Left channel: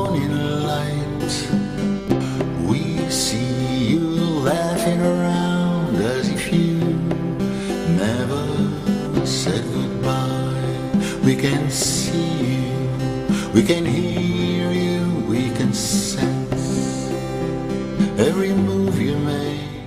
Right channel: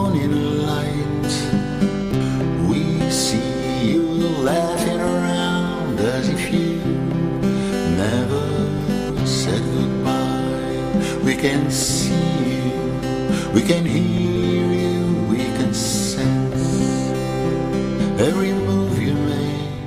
morning light. We see you laughing around as if you never said goodbye. We can see you, we can hear you, we can sense every move you make.